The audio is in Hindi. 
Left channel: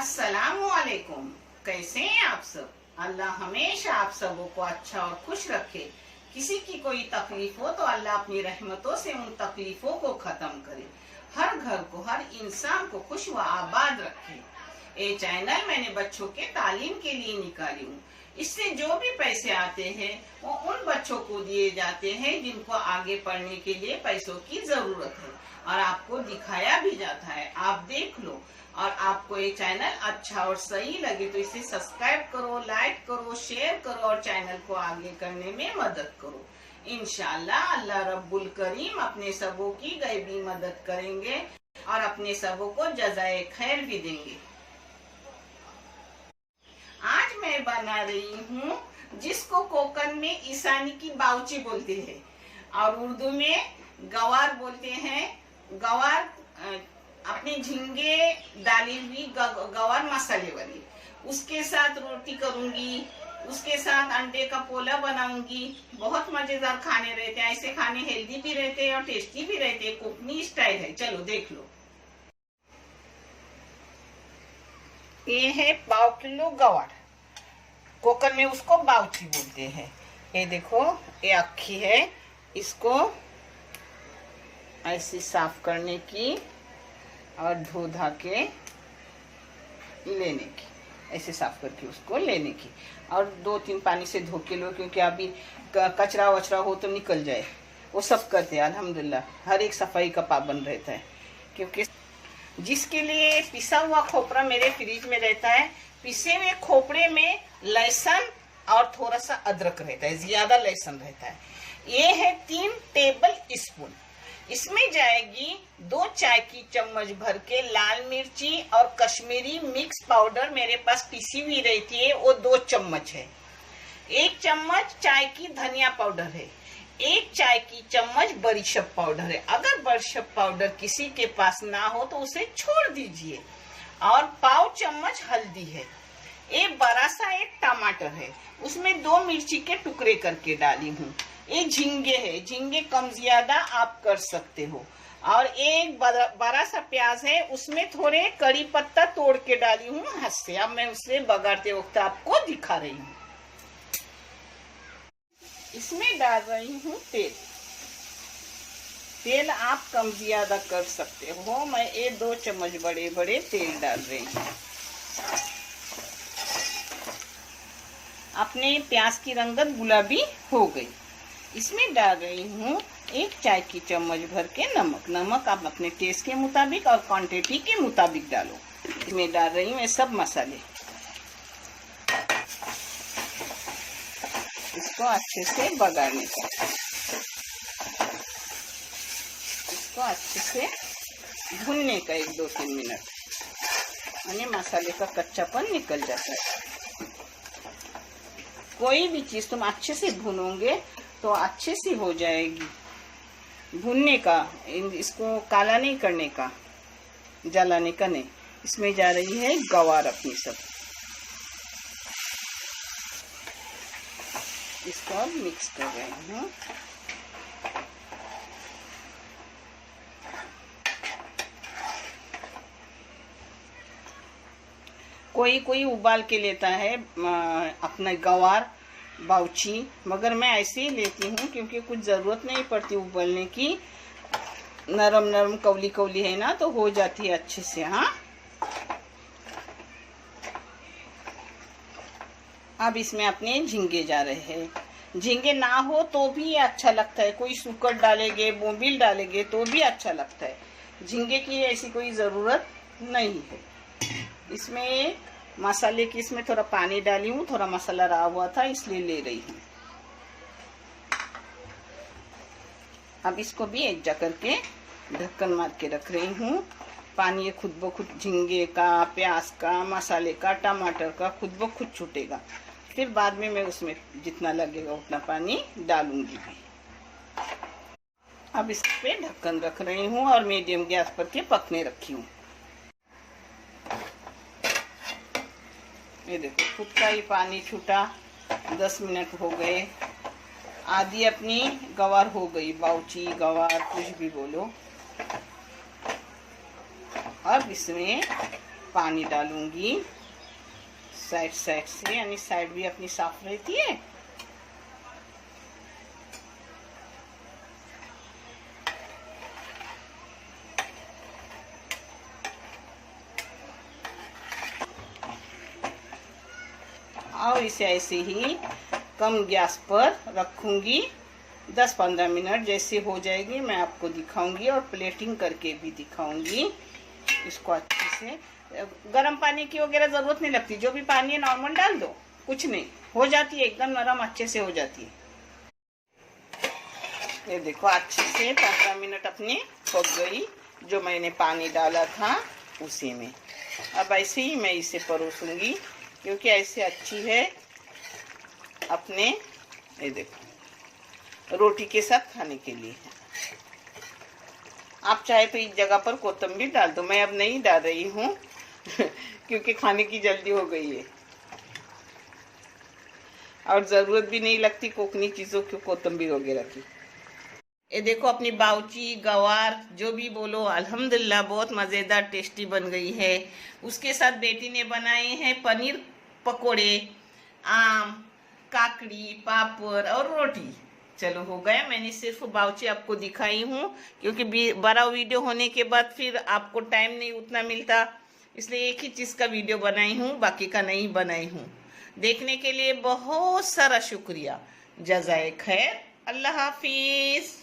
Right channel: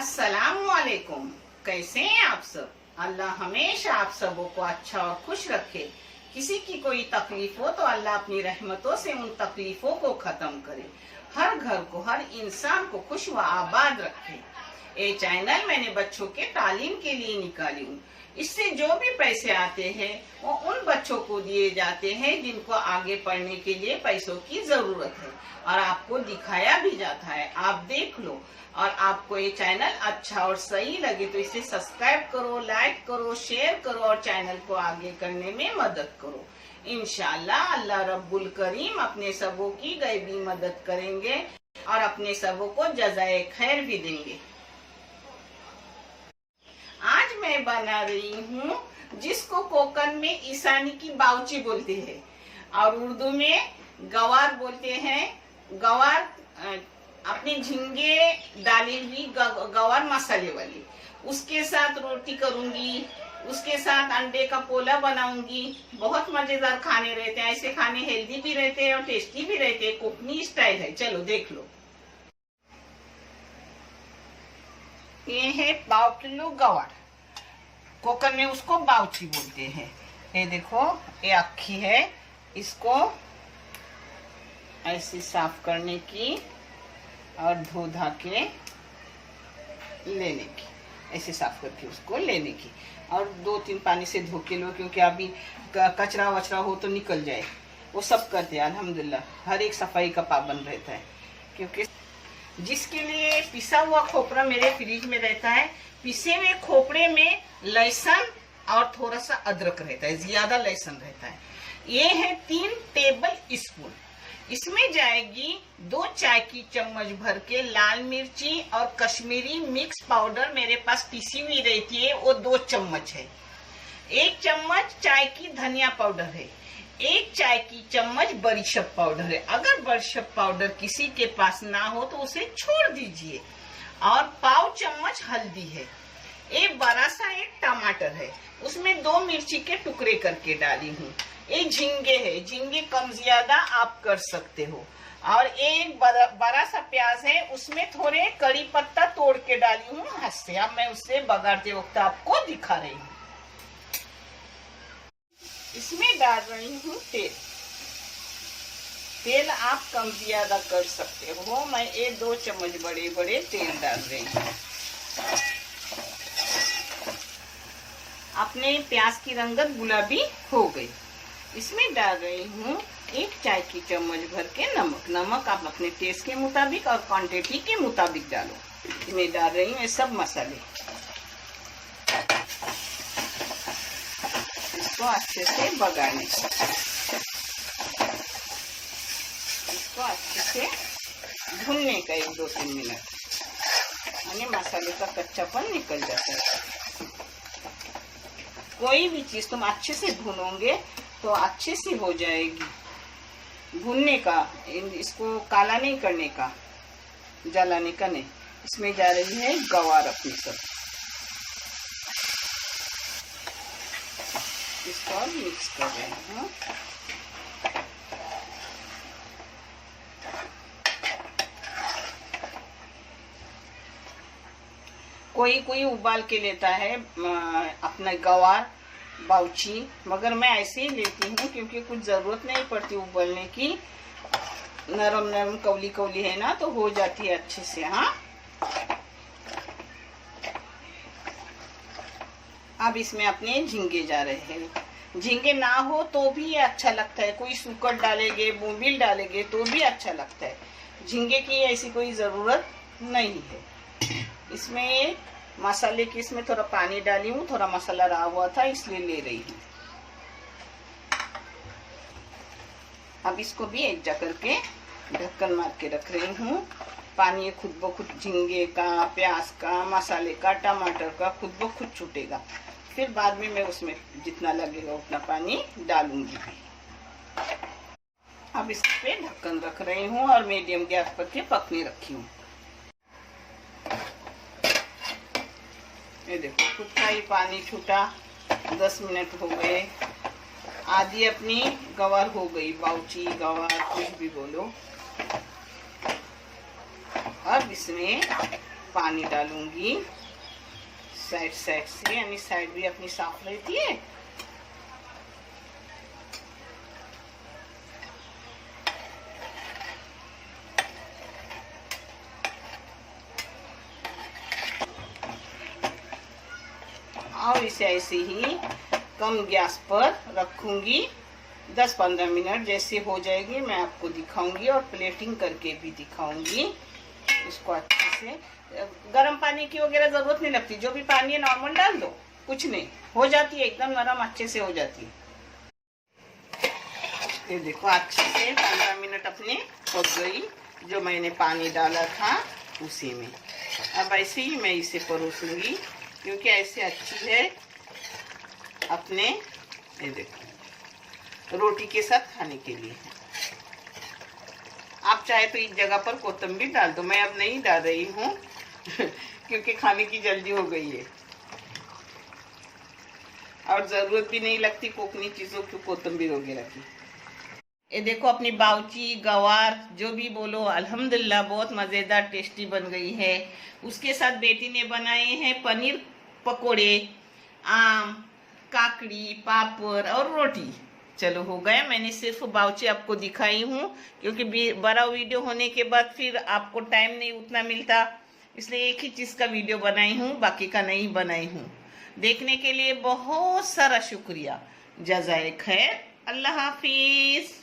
अस्सलामुअलैकुम। कैसे हैं आप सब? अल्लाह हमेशा आप सबों को अच्छा और खुश रखे। किसी की कोई तकलीफ हो तो अल्लाह अपनी रहमतों से उन तकलीफों को खत्म करे, हर घर को, हर इंसान को खुश व आबाद रखे। ये चैनल मैंने बच्चों के तालीम के लिए निकाली हूँ। इससे जो भी पैसे आते हैं वो उन बच्चों को दिए जाते हैं जिनको आगे पढ़ने के लिए पैसों की जरूरत है, और आपको दिखाया भी जाता है। आप देख लो, और आपको ये चैनल अच्छा और सही लगे तो इसे सब्सक्राइब करो, लाइक करो, शेयर करो और चैनल को आगे करने में मदद करो। इंशाअल्लाह अल्लाह रब्बुल करीम अपने सबों की गैबी मदद करेंगे और अपने सबों को जज़ाए खैर भी देंगे। आज मैं बना रही हूँ जिसको कोकन में ईशानी की बाउची बोलते हैं और उर्दू में गवार बोलते हैं। गवार अपने झींगे डाली हुई गवार मसाले वाली, उसके साथ रोटी करूंगी, उसके साथ अंडे का पोला बनाऊंगी। बहुत मजेदार खाने रहते हैं। ऐसे खाने हेल्दी भी रहते हैं और टेस्टी भी रहते हैं। कोकनी स्टाइल है। चलो देख लो। ये है 1.5 किलो गवार। कोकन में उसको बाउची बोलते हैं। ये देखो, ये अक्खी है। इसको ऐसे साफ करने की और धो धा के लेने की, ऐसे साफ करके उसको लेने की, और 2-3 पानी से धो के लो, क्योंकि अभी कचरा वचरा हो तो निकल जाए। वो सब करते हैं अल्हम्दुलिल्लाह। हर एक सफाई का पाबंद रहता है। क्योंकि जिसके लिए पिसा हुआ खोपरा मेरे फ्रिज में रहता है। पिसे हुए खोपरे में लहसुन और थोड़ा सा अदरक रहता है, ज्यादा लहसुन रहता है। ये है 3 टेबल स्पून। इसमें जाएगी 2 चाय की चम्मच भर के लाल मिर्ची और कश्मीरी मिक्स पाउडर मेरे पास पिसी हुई रहती है, वो 2 चम्मच है। 1 चम्मच चाय की धनिया पाउडर है। 1 चाय की चम्मच बड़ीशप पाउडर है। अगर बड़ीशप पाउडर किसी के पास ना हो तो उसे छोड़ दीजिए। और 1/4 चम्मच हल्दी है। एक बड़ा सा एक टमाटर है, उसमें 2 मिर्ची के टुकड़े करके डाली हूँ। ये झींगे है, झींगे कम ज्यादा आप कर सकते हो। और एक बड़ा सा प्याज है, उसमें थोड़े कड़ी पत्ता तोड़ के डाली हूँ हाथ से। अब मैं उसे बगाड़ते वक्त आपको दिखा रही हूँ। इसमें डाल रही हूँ तेल। तेल आप कम ज्यादा कर सकते हो। मैं ये 2 चम्मच बड़े बड़े तेल डाल रही हूँ। अपने प्याज की रंगत गुलाबी हो गई। इसमें डाल रही हूँ 1 चाय की चम्मच भर के नमक। नमक आप अपने टेस्ट के मुताबिक और क्वांटिटी के मुताबिक डालो। इसमें डाल रही हूँ ये सब मसाले। इसको अच्छे से बगाड़ने का, इसको अच्छे से भूनने का 1-2-3 मिनट, यानी मसाले का कच्चापन निकल जाता है। कोई भी चीज तुम अच्छे से भूनोगे तो अच्छे से हो जाएगी। भूनने का, इसको काला नहीं करने का, जलाने का नहीं। इसमें जा रही है गवार अपनी सब। इसको मिक्स कर रहे हैं। कोई कोई उबाल के लेता है अपना गवार बाउची, मगर मैं ऐसे ही लेती हूँ क्योंकि कुछ जरूरत नहीं पड़ती उबालने की। नरम नरम कवली कवली है ना, तो हो जाती है अच्छे से। हाँ, अब इसमें अपने झींगे जा रहे हैं। झींगे ना हो तो भी अच्छा लगता है। कोई सुकट डालेंगे, बोंबिल डालेंगे तो भी अच्छा लगता है। झींगे की ऐसी कोई जरूरत नहीं है। इसमें मसाले की, इसमें थोड़ा पानी डाली हूँ, थोड़ा मसाला रहा हुआ था इसलिए ले रही हूँ। अब इसको भी एक जा करके ढक्कन मार के रख रही हूँ। पानी ये खुद ब खुद झींगे का, प्याज का, मसाले का, टमाटर का खुद ब खुद छूटेगा। फिर बाद में मैं उसमें जितना लगेगा उतना पानी डालूंगी भी। अब इस पे ढक्कन रख रही हूँ और मीडियम गैस पर के पकने रखी हूँ। ये देखो, खुद का ही पानी छूटा। 10 मिनट हो गए। आधी अपनी गवार हो गई, बाउची गवार कुछ भी बोलो। अब इसमें पानी डालूंगी साइड साइड से, यानी साइड भी अपनी साफ रहती है। और इसे ऐसे ही कम गैस पर रखूंगी 10-15 मिनट। जैसे हो जाएगी मैं आपको दिखाऊंगी और प्लेटिंग करके भी दिखाऊंगी। इसको अच्छे से, गर्म पानी की वगैरह जरूरत नहीं लगती, जो भी पानी है नॉर्मल डाल दो, कुछ नहीं, हो जाती है एकदम नरम, अच्छे से हो जाती है। ये देखो अच्छे से 15 मिनट अपने पक गई, जो मैंने पानी डाला था उसी में। अब ऐसे ही मैं इसे परोसूंगी, क्योंकि ऐसे अच्छी है अपने, ये देखो, रोटी के साथ खाने के लिए। आप चाहे तो इस जगह पर कोतंबीर डाल दो, मैं अब नहीं डाल रही हूँ क्योंकि खाने की जल्दी हो गई है और जरूरत भी नहीं लगती कोकनी चीजों की, कोतंबीर वगैरह की। ये देखो अपनी बाउची गवार जो भी बोलो, अल्हम्दुलिल्लाह बहुत मज़ेदार टेस्टी बन गई है। उसके साथ बेटी ने बनाए हैं पनीर पकोड़े, आम, काकड़ी, पापड़ और रोटी। चलो हो गया, मैंने सिर्फ बाउची आपको दिखाई हूँ, क्योंकि बड़ा वीडियो होने के बाद फिर आपको टाइम नहीं उतना मिलता, इसलिए एक ही चीज़ का वीडियो बनाई हूँ, बाकी का नहीं बनाई हूँ। देखने के लिए बहुत सारा शुक्रिया। जज़ाए खैर, अल्लाह हाफिज़।